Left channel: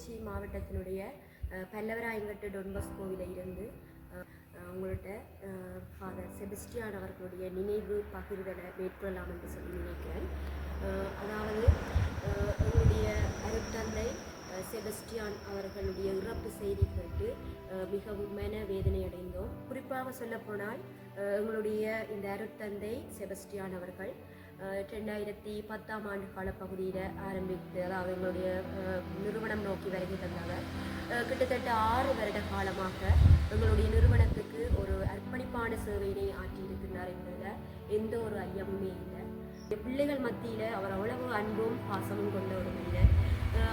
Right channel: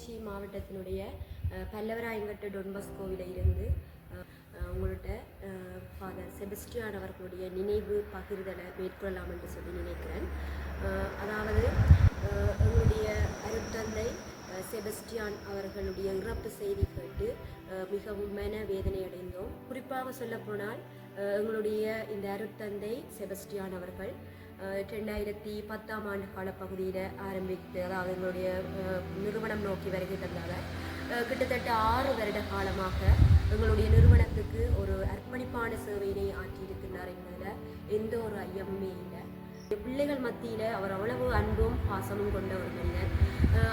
கிளிநொச்சி மாவட்டத்தினுடைய பல்லவராயங்கட்டு டொன்பஸ்கோவில இருந்து உங்கள்கிட்ட ஃபாதர் செபஸ்டியான் அவர்களுடைய நினைவு பகிர்தலை மேற்கொள்ளலாம் என்று சொல்லி நினைக்கிறேன். அதாவது எங்களுடைய அருட்தந்தை செபஸ்டியான் அவர்களுடைய இறப்பு செய்தி கேட்டு மிகவும் மன வேதனை அடைந்தோம். குறிப்பாக சொல்லப்போனால் எங்களுடைய இந்த அருட்தந்தை செபஸ்டியான் அவர்கள் 2010ஆம் ஆண்டு காலப்பகுதியில் ஆரம்பித்து, அதாவது எங்களுடைய நிறுவனம் நோக்கி வருகை தந்தவர். கிட்டத்தட்ட 6 வருட காலமாக எங்களுடைய நிறுவனத்துக்கு ஒரு அர்ப்பணிப்பான சேவையினை ஆற்றியிருக்கின்றார் என்பதில் எந்த ஒரு ஐயமுமே இல்லை. பிள்ளைகள் மத்தியில் அவர் அவ்வளவு அன்பும் பாசமும் கொண்ட ஒரு மனிதர்.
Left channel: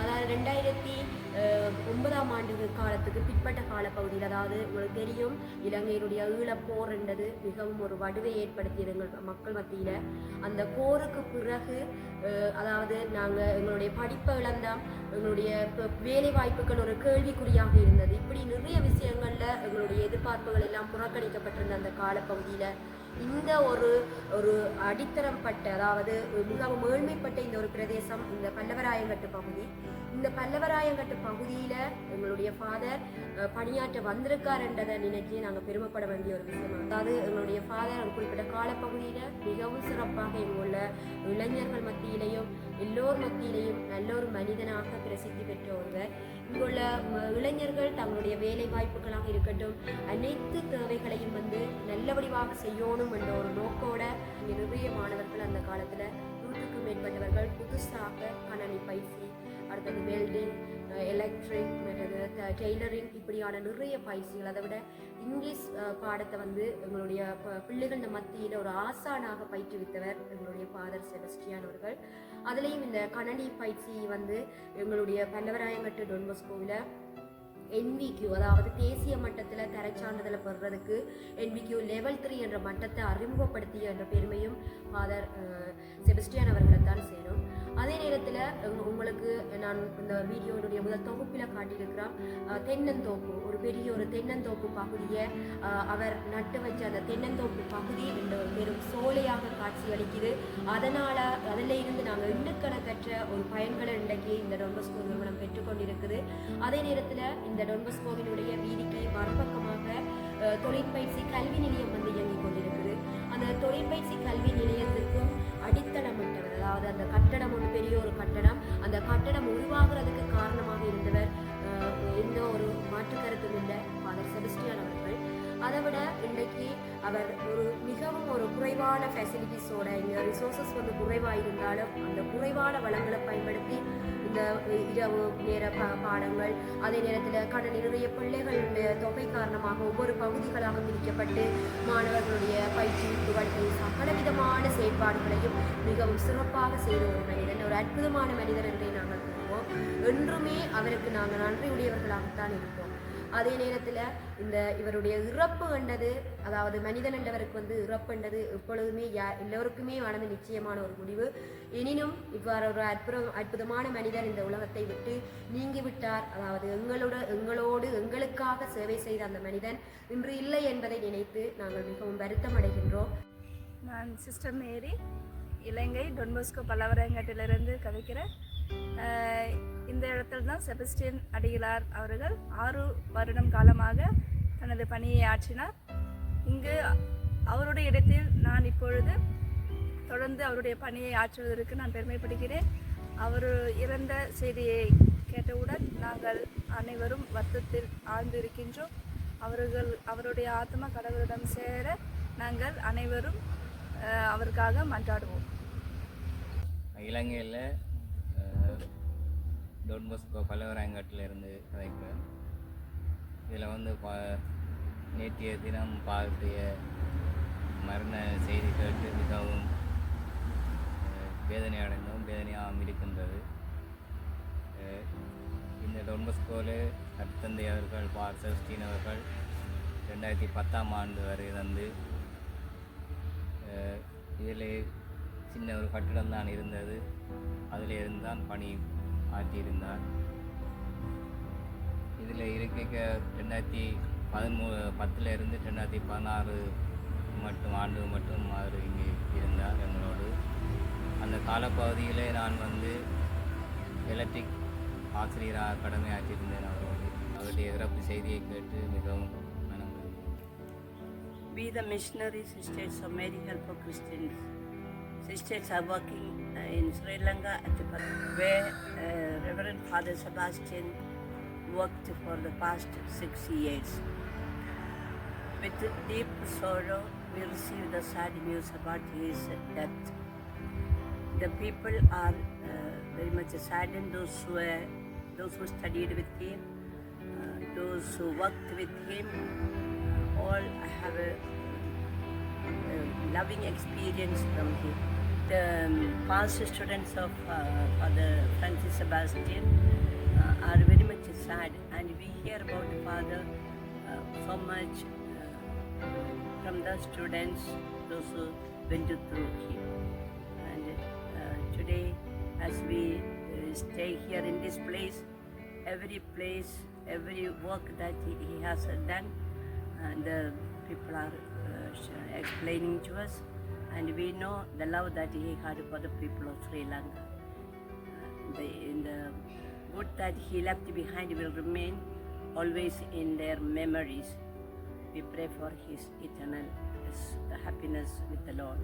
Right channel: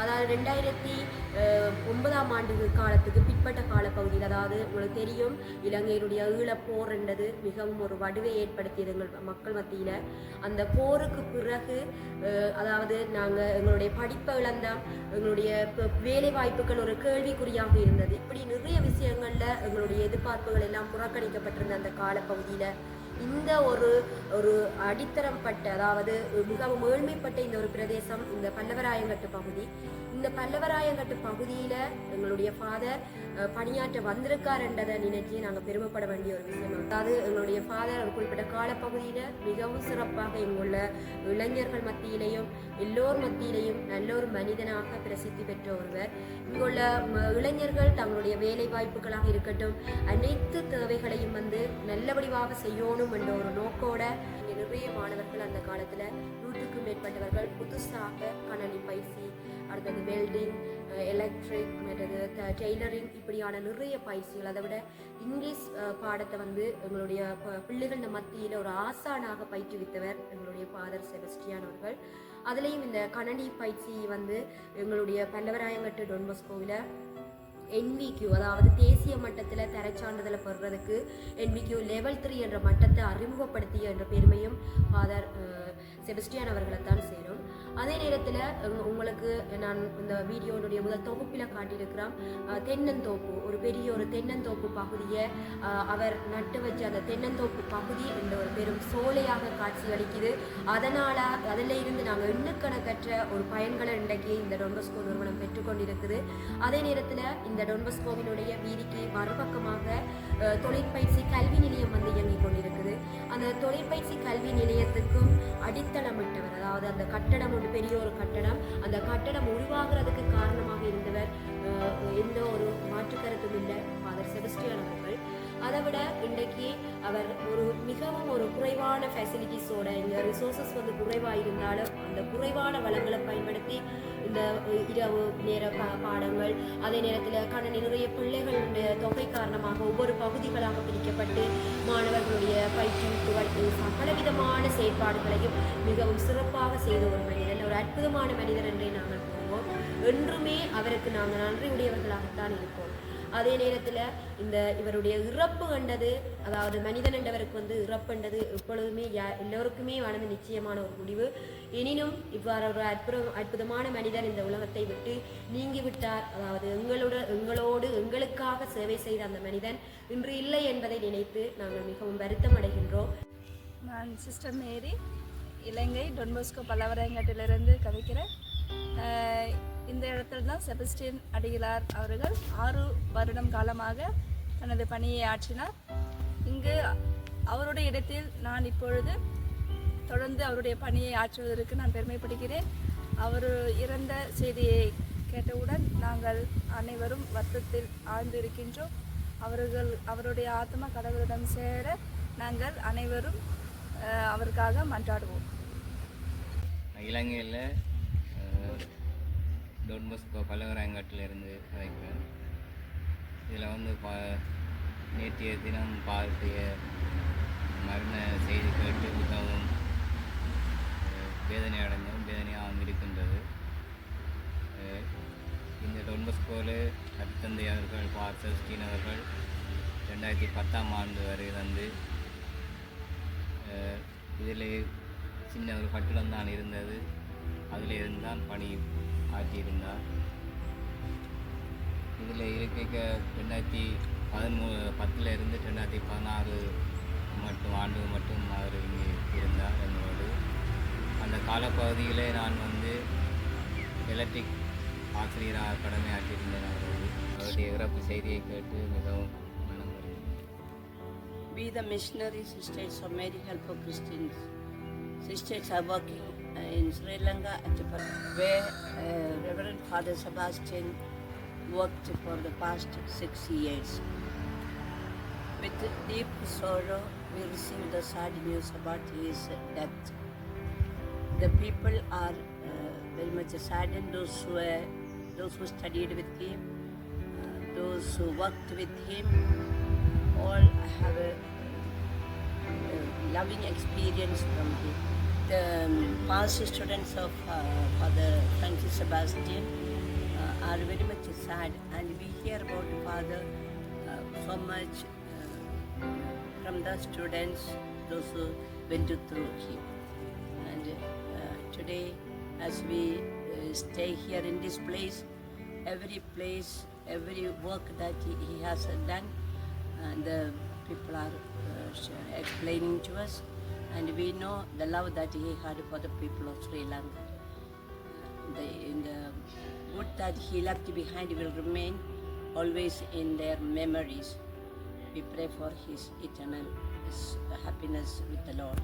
அதாவது 2009ஆம் ஆண்டு காலத்துக்கு பிற்பட்ட காலப்பகுதியில், அதாவது உங்களுக்கு தெரியும், இலங்கையினுடைய ஈழப்போர் என்றது மிகவும் ஒரு வடுவை ஏற்படுத்தியது எங்கள் மக்கள் மத்தியில். அந்த போருக்கு பிறகு அதாவது நாங்கள் எங்களுடைய படிப்பை இழந்தோம், எங்களுடைய வேலை வாய்ப்புகள் ஒரு கேள்விக்குறியாக இருந்தது. இப்படி நிறைய விஷயங்களில் எங்களுடைய எதிர்பார்ப்புகள் எல்லாம் புறக்கணிக்கப்பட்டிருந்த அந்த காலப்பகுதியில் இந்த ஒரு அடித்தரம் பட்ட, அதாவது மிகவும் ஏழ்மைப்பட்ட இந்த ஒரு பிரதேசம் இந்த பல்லவராயங்கட்டு பகுதி. இந்த பல்லவராயங்கட்டு பகுதியில் எங்களுடைய ஃபாதர் பணியாற்ற வந்திருக்கார் என்றதை நினைச்சு நாங்கள் பெருமைப்பட வேண்டிய ஒரு விஷயம். அதாவது எங்களுடைய ஃபாதர் ஒரு குறிப்பிட்ட காலப்பகுதியில் மிகவும் சிறப்பாக இங்குள்ள இளைஞர்கள் மத்தியிலையும் எல்லோர் மத்தியிலையும் நல்ல ஒரு மனிதனாக பிரசித்தி பெற்ற ஒருவர். இங்குள்ள இளைஞர்கள் தங்களுடைய வேலை வாய்ப்புகளாக இருக்கட்டும், அனைத்து தேவைகளையும் நல்ல வடிவாக செய்யணும் என்ற ஒரு நோக்கோட இங்கே நிறைய மாணவர்கள் அந்த காலத்தில் 100க்கும் மேற்பட்டவர்கள் புதுசாக கணனி பயிற்சி, அடுத்தது வெல்டிங், எலக்ட்ரிக், மற்றது டெய்லரிங், இப்படியான நிறைய பயிற்சிகள், அதை விட இங்கிலீஷ் பாடத்தை எங்களுடைய பிள்ளைகள் மத்தியில் ஒரு ஆசானாக பயிற்றுவித்தவர் எங்களுடைய ஃபாதர் செபஸ்டியான் அவர்கள். அதுலேயும் இந்த கணனி பயிற்சி எங்களுடைய பல்லவராயங்கட்டு டொன்பஸ்கோவில் NVQ, அதாவது தேசிய மட்டத்தில் தரச்சான்றிதழை பெறுறதுக்கு NVQ லெவல் 3 என்ற மட்டத்தை அறிமுகப்படுத்திய என்ற பெருமையும் ஃபாதர் செபஸ்டியான் அவர்களை தான் சேரும். அதே நேரத்தில் உங்களுக்கு நான் இந்த வீடியோனுடைய முதல் தொகுப்பில் காட்டியிருக்கிறோம், தென்னந்தோப்பு, ஒரு பெரிய ஒரு தென்னந்தோப்பு பகுதியை அவர் நட்டு வச்ச அந்த தென்னந்தோப்பு பகுதி என்ற ஒரு பெரும் சோலையாக காட்சி அளிக்குது. அதில் இருந்து நாங்கள் எண்ணுக்கணக்கற்ற ஒரு பயன்களை இன்றைக்கு இந்த டொன்பஸ்கோ நிறுவனம் பெற்றுக்கொண்டிருக்குது. அதே நேரத்தில் இந்த டொன்பஸ்கோவினுடைய வீதிக்கு மறுபக்கமாக தொழிற்பயிற்சி கல்வி நிலையம் இயங்கிக் கொண்டிருக்குது. அந்த தொழிற்பயிற்சி கல்வி நிலையத்துக்கும் அடித்தளமிட்டவர், அதாவது அந்த கட்டடம் ஒரு பெரிய ஒரு கட்டடம், அந்த கட்டடம் உருவாகிறதுக்கு காரணமாக இருந்தவர் எந்த ஒரு மாற்று கருத்தும் இல்லை ஃபாதர் செபஸ்டியான் அவர்கள். அதை விட இன்றைக்கு அவர் மிகவும் ஒரு குறைவான ஃபெசிலிட்டிஸோட, இங்கே ரிசோர்ஸஸ் குறைவாக இருந்தாலும் அந்த குறைவான வளங்களை பயன்படுத்தி இந்த இரவு நேர பாடங்கள், அதே நேரத்தில் நிறைய பிள்ளைகளுடைய தொகை காரணமாக ஒவ்வொரு பகுதிகளாக பிரிக்கப்பட்டு மாணவர்களுடைய பயிற்றுவிப்புகள், சகலவிதமான செயற்பாடுகளையும் மிகவும் சிறப்பாக செய்த ஒரு மனிதன், ஒரு அற்புதமான மனிதர் என்றே நாங்கள் கூறுவோம். என்றுமே அவருக்கு நாங்கள் நன்றியுடையவர்களாகத்தான் இருப்போம். அதே நேரத்தில் இவருடைய இறப்பு கண்டது, அதாவது மனிதன் என்றவருக்கு இறப்பு என்றது எப்பொழுதுமே எல்லோருக்குமே நிச்சயமான ஒரு முடிவு. எனினும் இவ்வாறு ஒரு அற்புதமான மனிதர் இந்த உலகத்தை விட்டு நீங்கிவிட்டார். அதாவது எங்களோடு எங்களுக்காக சேவை செய்த அந்த மனிதன் இன்று இல்லை என்பதை நினைத்து நாங்கள் மிகவும் வருத்தம் அடைகின்றோம். நான் சிஸ்டர் மேரி, இலங்கை டொன்பஸ்கோ பல்லவராயங்கட்டிலிருந்து கதைக்கிறேன். இந்த இடத்துல தான் செபஸ்டியன் அடிகளார் அவர்கள் 6 வருடம் காலமாக தனது பணியை ஆற்றினார். இங்கு அவருடைய இடத்தில் நான் இப்பொழுது தொடர்ந்து அவருடைய பணியை ஆற்றுவதற்கு நான் பெருமைப்படுகிறேன். அவர் இறந்த செய்தியை கேட்டவுடன் நாங்கள் அனைவரும் வருத்தத்தில் ஆழ்ந்து இருக்கின்றோம். அவருடைய ஆத்மா கடவுளிடம் சேர நாங்கள் அனைவரும் அவருக்காக மன்றாடுவோம். இலங்கையில் டொன்பஸ்கோ பல்லவராயங்கட்டிலிருந்து கதைக்கிறேன். இதில் நேற்றைய தினம் பாட்டிய மரண செய்தி கேட்டு மிகவும் வேதனை அடைந்தோம், வேதனையாகவும் இருக்கின்றது. இந்த டொன்பஸ்கோவில் அருட்தந்தை அவர்கள் ஃபாதர் செபஸ்டியான் அவர்கள் 2010ஆம் ஆண்டு வரை இதில் சின்ன ஒரு கட்டிடம் தான் இருந்தது, அதில் இருந்தான் பணி ஆற்றியிருந்தார். இதில் இருக்க 2010 இருந்து 2016 ஆண்டு மட்டும் அவர் இங்கே இருந்தார் எங்களோடு. அந்த காலப்பகுதியில் நான் எலக்ட்ரிக் ஆசிரியராக கடமையாற்றியிருந்தேன் அவரோடு. அவருடைய இறப்பு செய்தியை கேட்டு மிகவும் மனம் வருகிறது. We, the missionary sisters of Mary Help of Christians, sisters are working in Sri Lanka at where Reverend Father Sebastian worked for the past 6 years. With deep sorrow, we received the sad news about his death. The people are very much saddened, those who studied with him, those who worked with him, all have a loving experience from him. The past students of Father Francis Sebastian are very much sad, and we hear about the Father so much from the students, those who went through him. And today, as we stay here in this place, every work that he has done, and the people are explaining to us, and we know the love that he had for the people of Sri Lanka. In the good that he left behind will remain always in their memories. We pray for his eternal happiness with the Lord.